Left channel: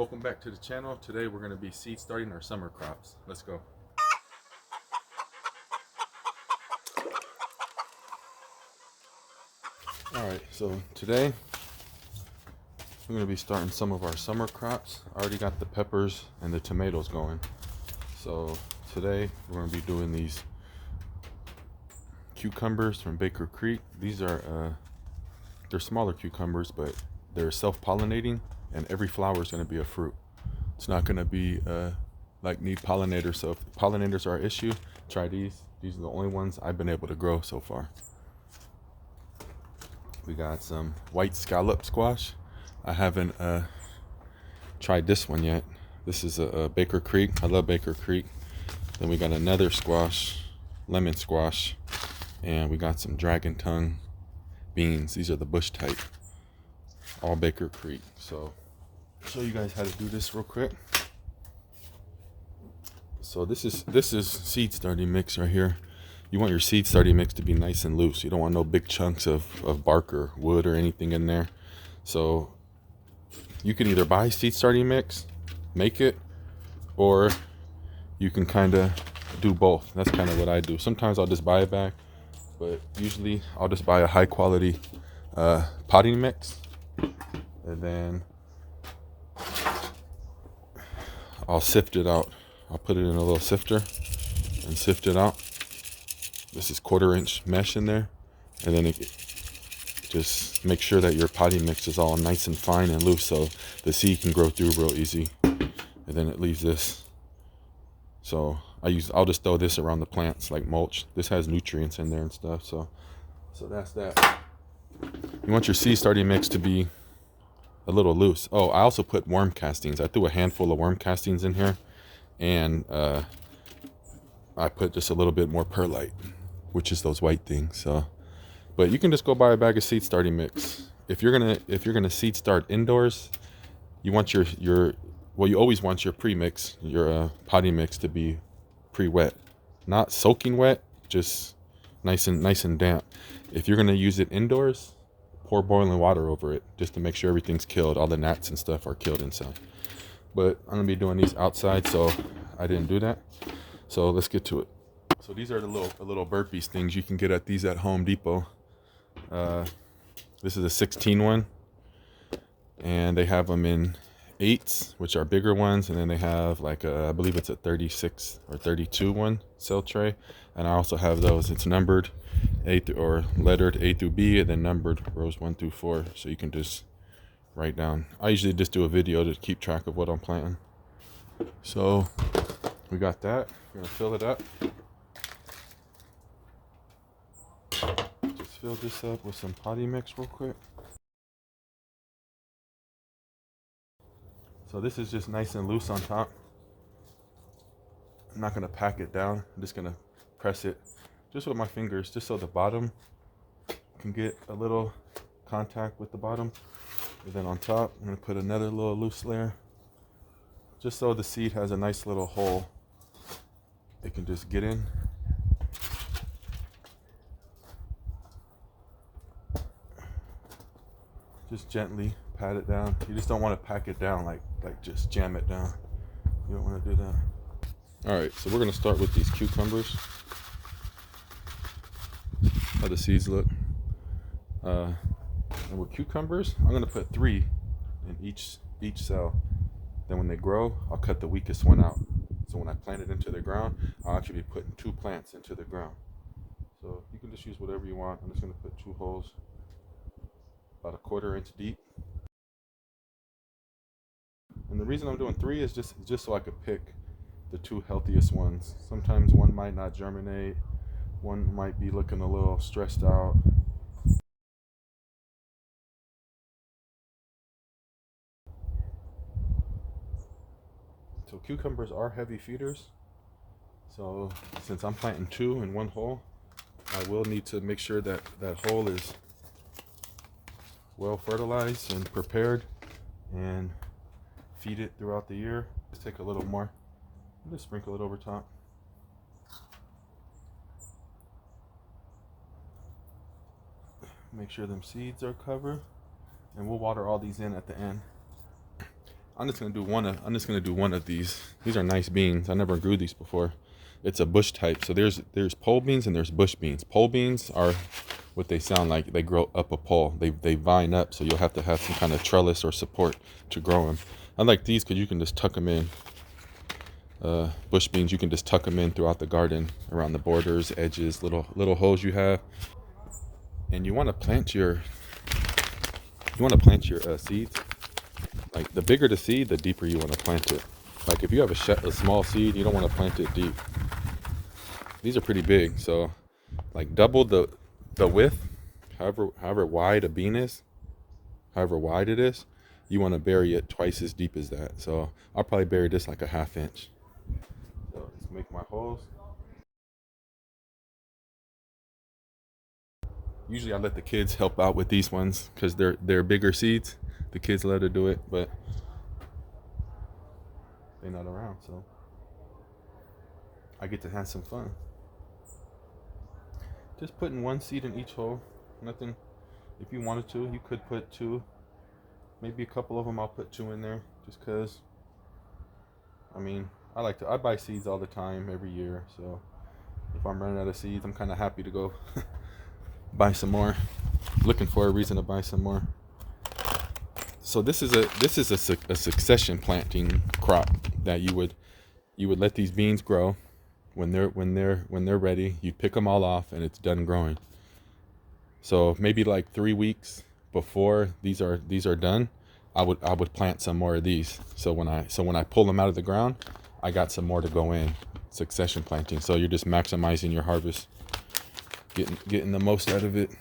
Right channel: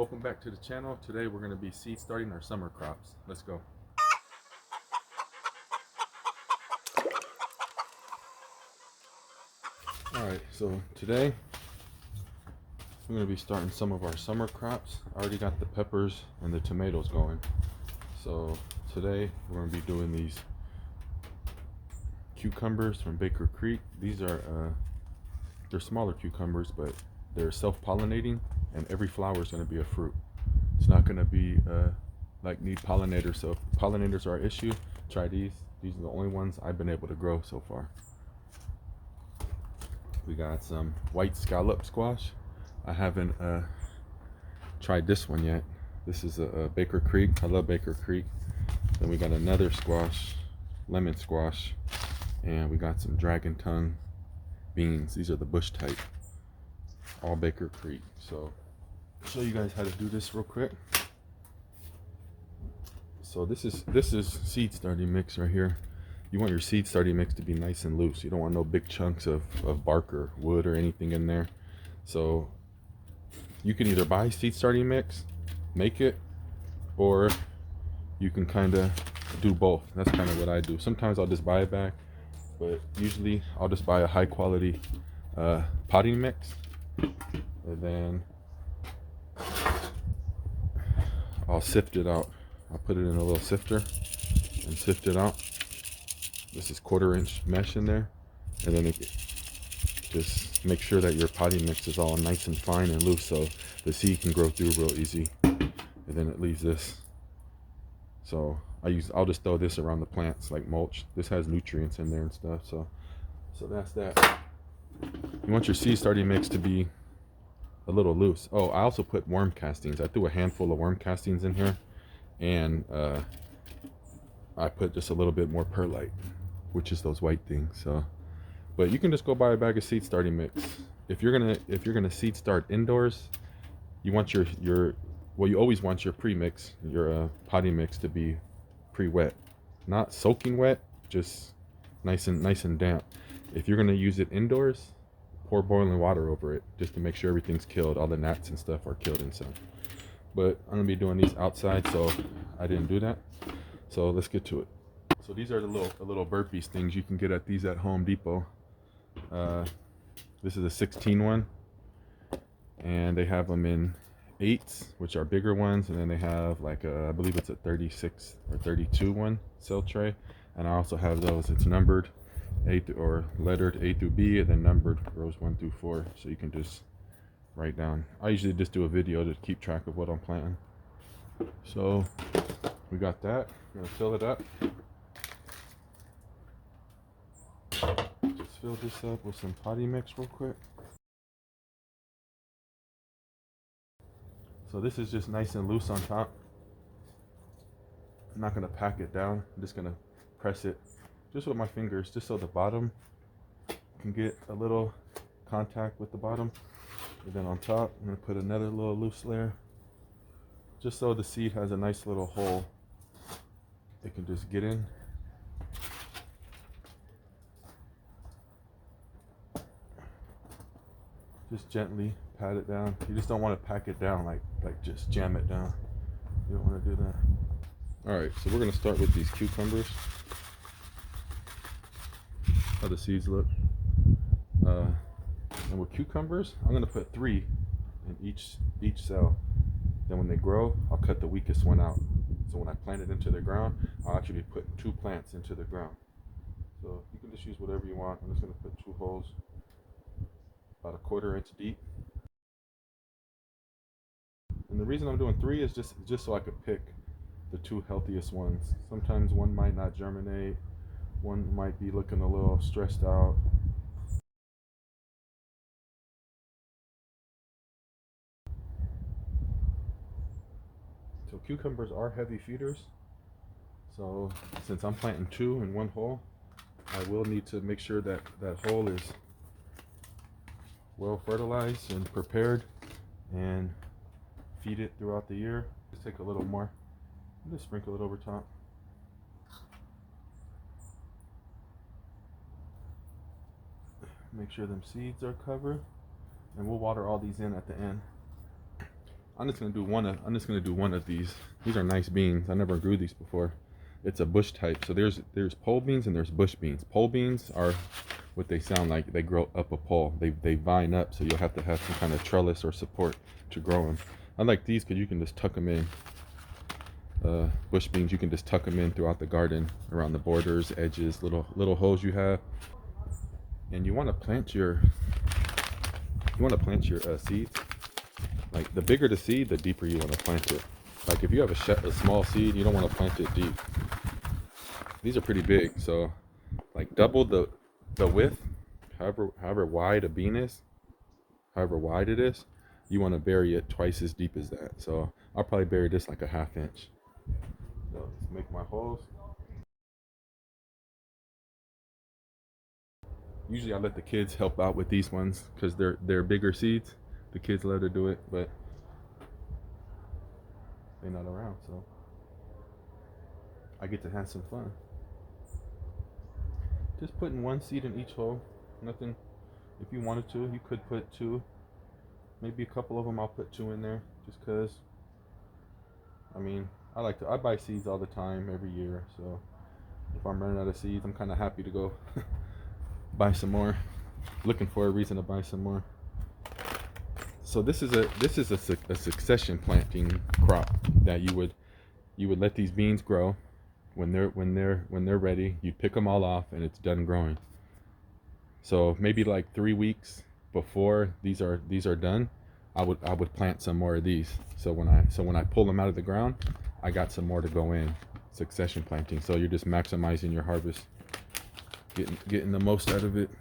Welcome back to the channel. Today we're going to be seed starting our summer crops. Let's go. Alright, so today we're going to be starting some of our summer crops. I already got the peppers and the tomatoes going. So today we're going to be doing these cucumbers from Baker Creek. These are they're smaller cucumbers, but they're self-pollinating, and every flower is going to be a fruit. It's not going to be like need pollinators. So if pollinators are an issue, try these. These are the only ones I've been able to grow so far. We got some white scallop squash. I haven't tried this one yet. This is a Baker Creek. I love Baker Creek. Then we got another squash, lemon squash, and we got some dragon tongue beans. These are the bush type, all Baker Creek. So show you guys how to do this real quick. So this is seed starting mix right here. You want your seed starting mix to be nice and loose. You don't want no big chunks of bark or wood or anything in there. So you can either buy seed starting mix, make it, or you can kind of do both. That's kind of what I do. Sometimes I'll just buy a bag, but usually I'll just buy a high quality potting mix, and then I'll sift it out. I'll put it in a little sifter and sift it out. This is 1/4 inch mesh in there, and then just make sure that your potting mix is all nice and fine and loose, so the seed can grow through real easy. And then it leaves this. So I'll just throw this around the plants like mulch. This has nutrients in there and stuff. So that's that. You want your seed starting mix to be a little loose. Oh, I also put worm castings. I threw a handful of worm castings in here, and I put just a little bit more perlite, which is those white things. So, but you can just go buy a bag of seed starting mix. If you're gonna seed start indoors, you want your you always want your pre-mix, your potting mix, to be pre-wet, not soaking wet, just nice and damp. If you're gonna use it indoors, pour boiling water over it just to make sure everything's killed, all the gnats and stuff are killed inside. But I'm gonna be doing these outside, so I didn't do that. So let's get to it. So these are the little burpees things you can get at these at Home Depot. This is a 16 one, and they have them in 8s, which are bigger ones, and then they have like I believe it's a 36 or 32 one cell tray, and I also have those. It's numbered or lettered A through B, and then numbered rows 1 through 4, so you can just write down. I usually just do a video to keep track of what I'm planting. So we got that. We're gonna fill it up. Just fill this up with some potting mix real quick. So this is just nice and loose on top. I'm not gonna pack it down. I'm just gonna press it just with my fingers, just so the bottom can get a little contact with the bottom. And then on top, I'm gonna put another little loose layer, just so the seed has a nice little hole it can just get in. Just gently pat it down. You just don't want to pack it down like just jam it down. You don't want to do that. Alright, so we're going to start with these cucumbers. How the seeds look. And with cucumbers, I'm going to put 3 in each cell. Then when they grow, I'll cut the weakest one out. So when I plant it into the ground, I'll actually be putting 2 plants into the ground. So you can just use whatever you want. I'm just going to put 2 holes about 1/4 inch deep. And the reason I'm doing 3 is just so I could pick the 2 healthiest ones. Sometimes one might not germinate, one might be looking a little stressed out. So cucumbers are heavy feeders. So since I'm planting 2 in 1 hole, I will need to make sure that that hole is well fertilized and prepared, and feed it throughout the year. Just take a little more, just sprinkle it over top. Make sure them seeds are covered, and we'll water all these in at the end. I'm just gonna do one of these. These are nice beans. I never grew these before. It's a bush type. So there's pole beans and there's bush beans. Pole beans are what they sound like. They grow up a pole. They vine up, so you'll have to have some kind of trellis or support to grow them. I like these because you can just tuck them in. Bush beans, you can just tuck them in throughout the garden, around the borders, edges, little holes you have. And you want to plant your seeds. Like the bigger the seed, the deeper you want to plant it. Like if you have a small seed, you don't want to plant it deep. These are pretty big, so like double the width, however wide a bean is, however wide it is, you want to bury it twice as deep as that. So I'll probably bury this like a 1/2 inch. So let's make my holes. Usually I let the kids help out with these ones because they're bigger seeds. The kids let her do it, but they're not around, so I get to have some fun. Just putting one seed in each hole. Nothing. If you wanted to, you could put 2. Maybe a couple of them I'll put 2 in there just because. I mean, I buy seeds all the time, every year. So if I'm running out of seeds, I'm kind of happy to go buy some more. Looking for a reason to buy some more. So this is a succession planting crop that you would let these beans grow. When they're ready, you pick them all off and it's done growing. So maybe like 3 weeks before these are done, I would plant some more of these. So when I pull them out of the ground, I got some more to go in. Succession planting. So you're just maximizing your harvest, getting the most out of it.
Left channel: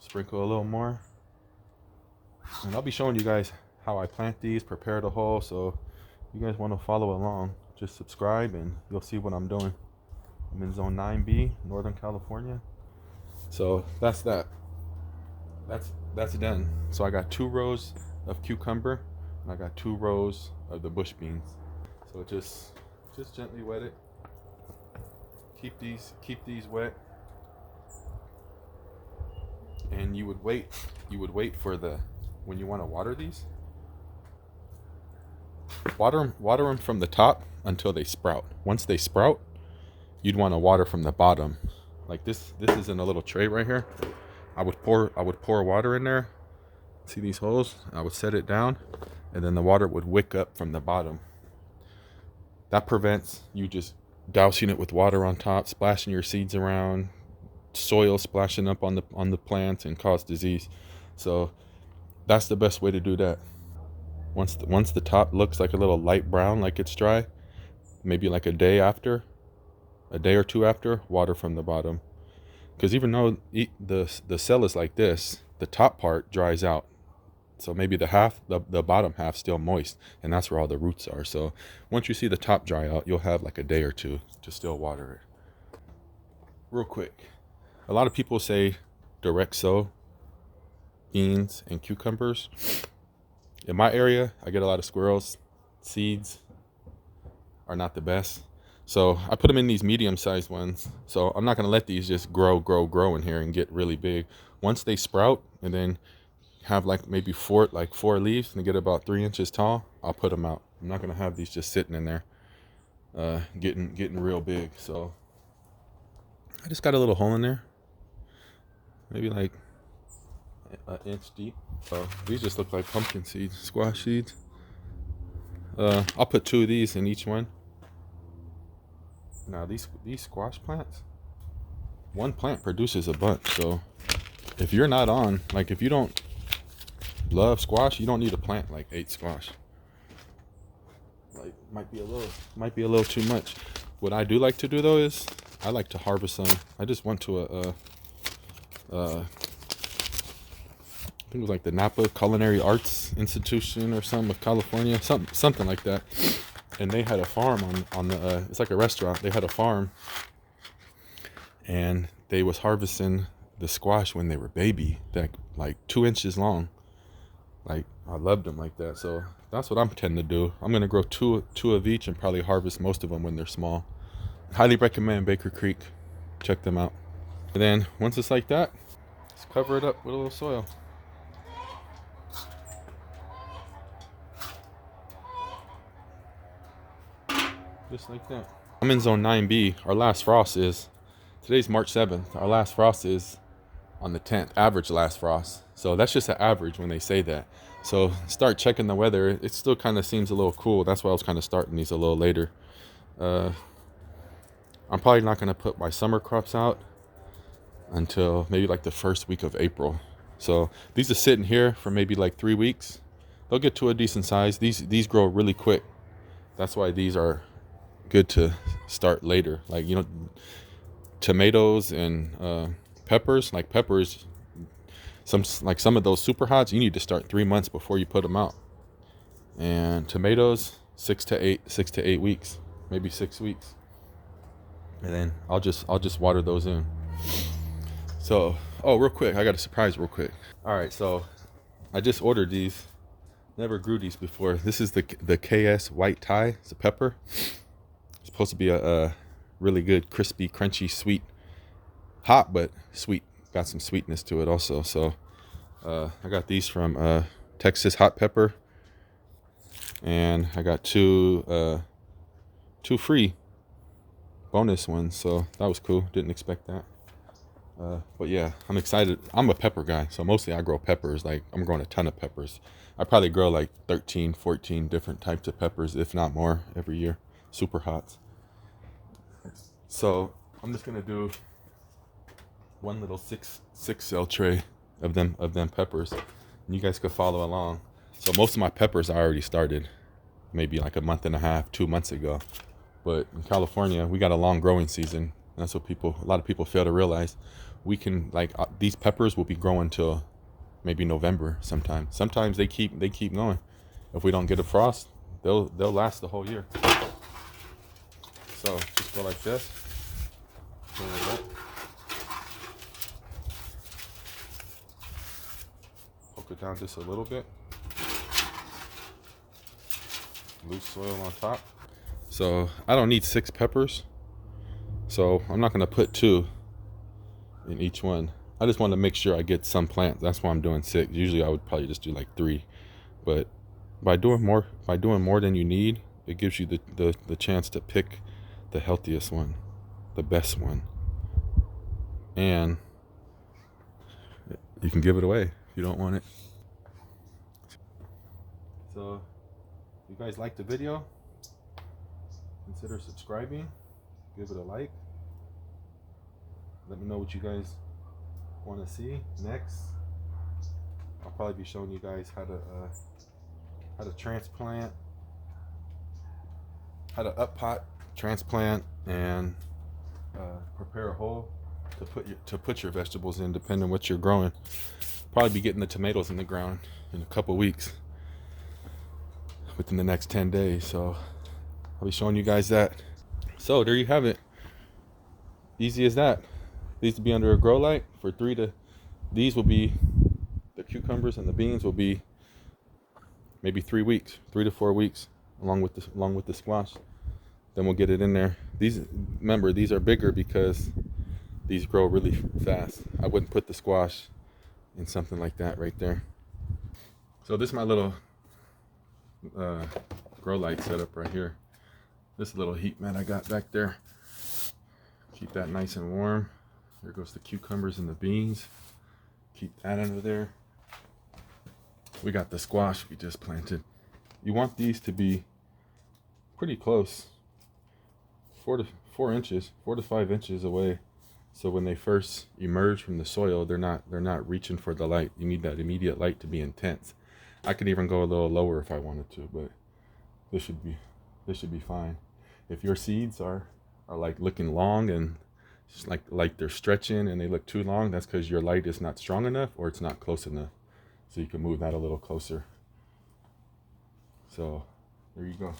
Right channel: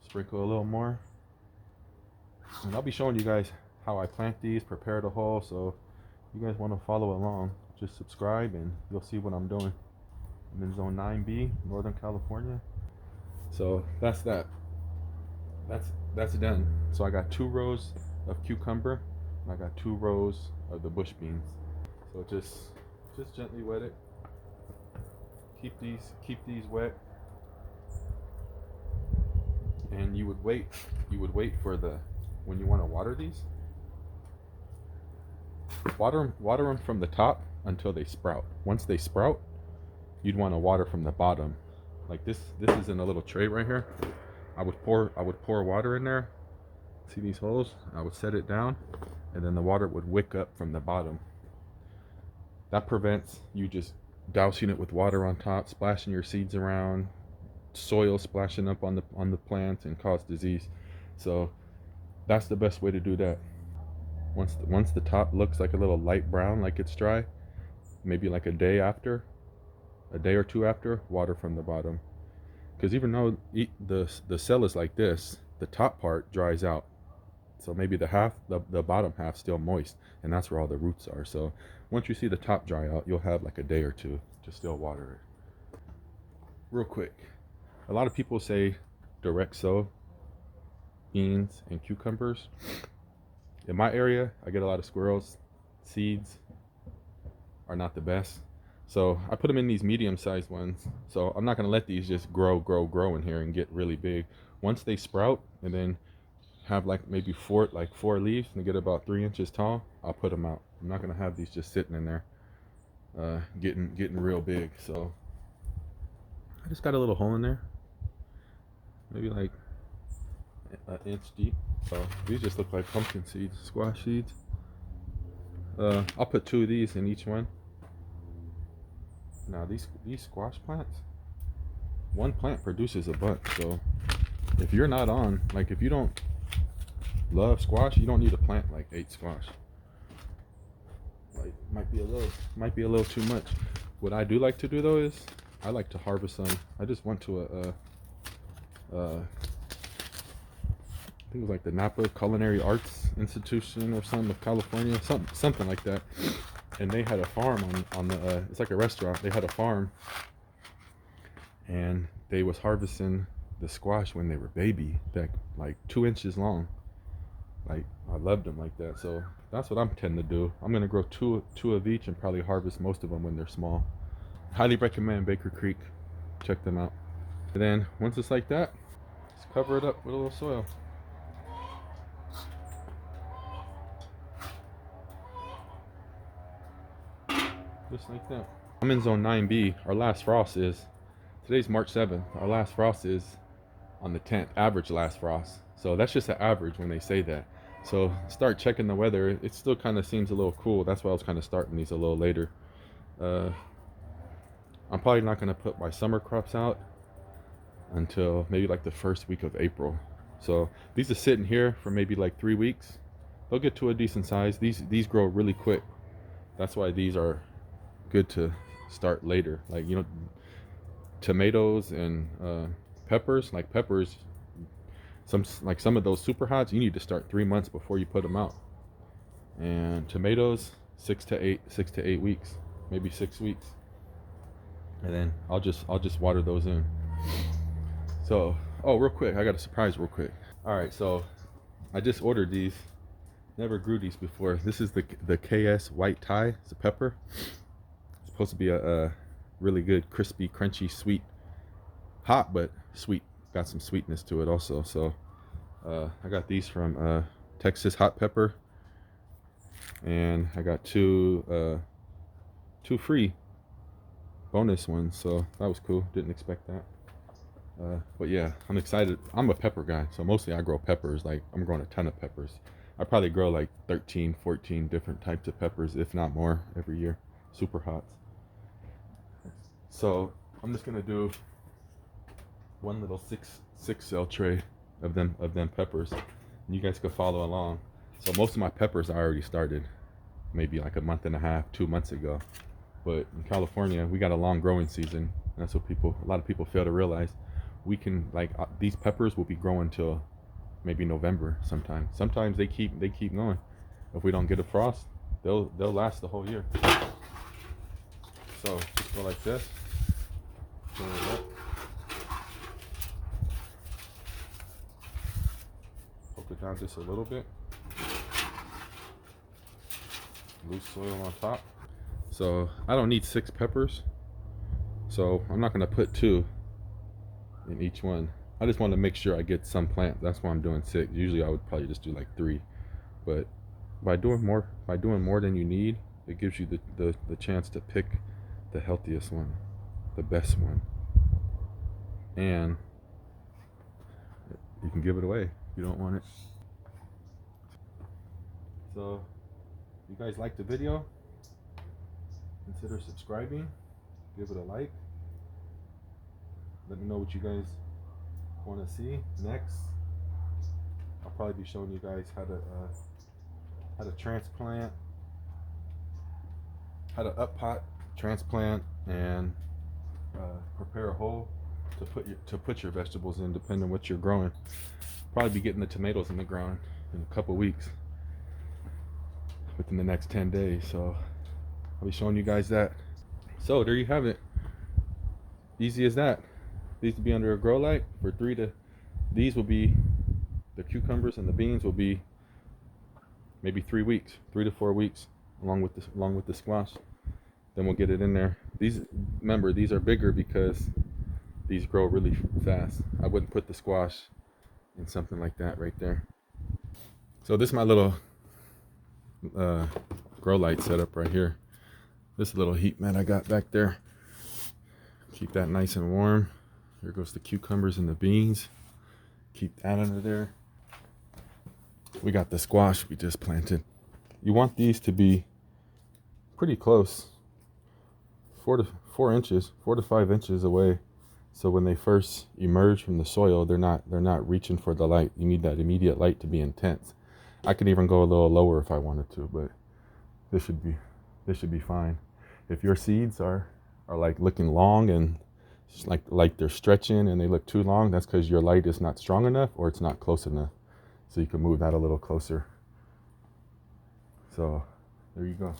Sprinkle a little more. And I'll be showing you guys how I plant these, prepare the hole. So if you guys want to follow along, just subscribe and you'll see what I'm doing. I'm in zone 9B, Northern California. So that's that. That's done. So I got 2 rows of cucumber and I got 2 rows of the bush beans. So just gently wet it. Keep these wet. And you would wait for when you want to water these. Water them from the top until they sprout. Once they sprout, you'd want to water from the bottom. Like this is in a little tray right here. I would pour water in there. See these holes? I would set it down and then the water would wick up from the bottom. That prevents you just dousing it with water on top, splashing your seeds around, soil splashing up on the plants and cause disease. So that's the best way to do that. Once the top looks like a little light brown, like it's dry, maybe like a day or 2 after, water from the bottom. Because even though the cell is like this, the top part dries out. So maybe the bottom half still moist, and that's where all the roots are. So once you see the top dry out, you'll have like a day or 2 to still water it. Real quick, a lot of people say direct sow beans and cucumbers. In my area, I get a lot of squirrels. Seeds are not the best. So I put them in these medium-sized ones. So I'm not going to let these just grow in here and get really big. Once they sprout and then have like maybe 4 leaves and get about 3 inches tall, I'll put them out. I'm not going to have these just sitting in there getting real big. So I just got a little hole in there, maybe like an inch deep. These just look like pumpkin seeds, squash seeds. I'll put 2 of these in each one. Now these squash plants, one plant produces a bunch. So if you're not on, like if you don't love squash, you don't need to plant like 8 squash. Like might be a little too much. What I do like to do though is I like to harvest them. I just went to I think it was like the Napa Culinary Arts Institution or something of California, something like that. And they had a farm on the it's like a restaurant. They had a farm and they was harvesting the squash when they were baby, like 2 inches long. Like I loved them like that. So that's what I'm tending to do. I'm gonna grow two of each and probably harvest most of them when they're small. Highly recommend Baker Creek. Check them out. And then once it's like that, just cover it up with a little soil. Just like that. I'm in zone 9B. Our last frost is, today's March 7th. Our last frost is on the 10th, average last frost. So that's just an average when they say that. So start checking the weather. It still kind of seems a little cool. That's why I was kind of starting these a little later. I'm probably not going to put my summer crops out until maybe like the first week of April. So these are sitting here for maybe like 3 weeks. They'll get to a decent size. These grow really quick. That's why these are good to start later. Like, you know, tomatoes and peppers, like peppers, some of those super hots, you need to start 3 months before you put them out. And tomatoes, 6 to 8 weeks, maybe 6 weeks. And then I'll just water those in. So, oh, real quick, I got a surprise real quick. All right, so I just ordered these. Never grew these before. This is the KS White Thai. It's a pepper. It's supposed to be a really good, crispy, crunchy, sweet, hot but sweet. Got some sweetness to it also. So I got these from Texas Hot Pepper, and I got two free bonus ones. So that was cool. Didn't expect that. But yeah, I'm excited. I'm a pepper guy, so mostly I grow peppers. Like, I'm growing a ton of peppers. I probably grow like 13, 14 different types of peppers, if not more, every year. Super hots. So I'm just gonna do one little six cell tray of them peppers, and you guys could follow along. So most of my peppers I already started maybe like a month and a half, 2 months ago. But in California, we got a long growing season. That's what a lot of people fail to realize. We can, like, these peppers will be growing till maybe November sometime. Sometimes they keep going. If we don't get a frost, they'll last the whole year. So just go like this. Pull it up. Poke it down just a little bit. Loose soil on top. So I don't need 6 peppers. So I'm not gonna put 2 in each one. I just want to make sure I get some plants. That's why I'm doing 6. Usually I would probably just do like 3, but by doing more than you need, it gives you the chance to pick the healthiest one, the best one, and you can give it away if you don't want it. So if you guys like the video, consider subscribing, give it a like. Let me know what you guys want to see next. I'll probably be showing you guys how to transplant, how to up pot, transplant, and prepare a hole to put your vegetables in, depending on what you're growing. Probably be getting the tomatoes in the ground in a couple weeks, within the next 10 days. So I'll be showing you guys that. So there you have it. Easy as that. These will be under a grow light for these will be, the cucumbers and the beans will be maybe 3 weeks, 3 to 4 weeks, along with the squash. Then we'll get it in there. Remember, these are bigger because these grow really fast. I wouldn't put the squash in something like that right there. So this is my little grow light setup right here. This little heat mat I got back there. Keep that nice and warm. Here goes the cucumbers and the beans. Keep that under there. We got the squash we just planted. You want these to be pretty close, 4 to 5 inches away. So when they first emerge from the soil, they're not reaching for the light. You need that immediate light to be intense. I could even go a little lower if I wanted to, but this should be fine. If your seeds are like looking long and it's like they're stretching and they look too long, that's because your light is not strong enough or it's not close enough. So you can move that a little closer. So there you go.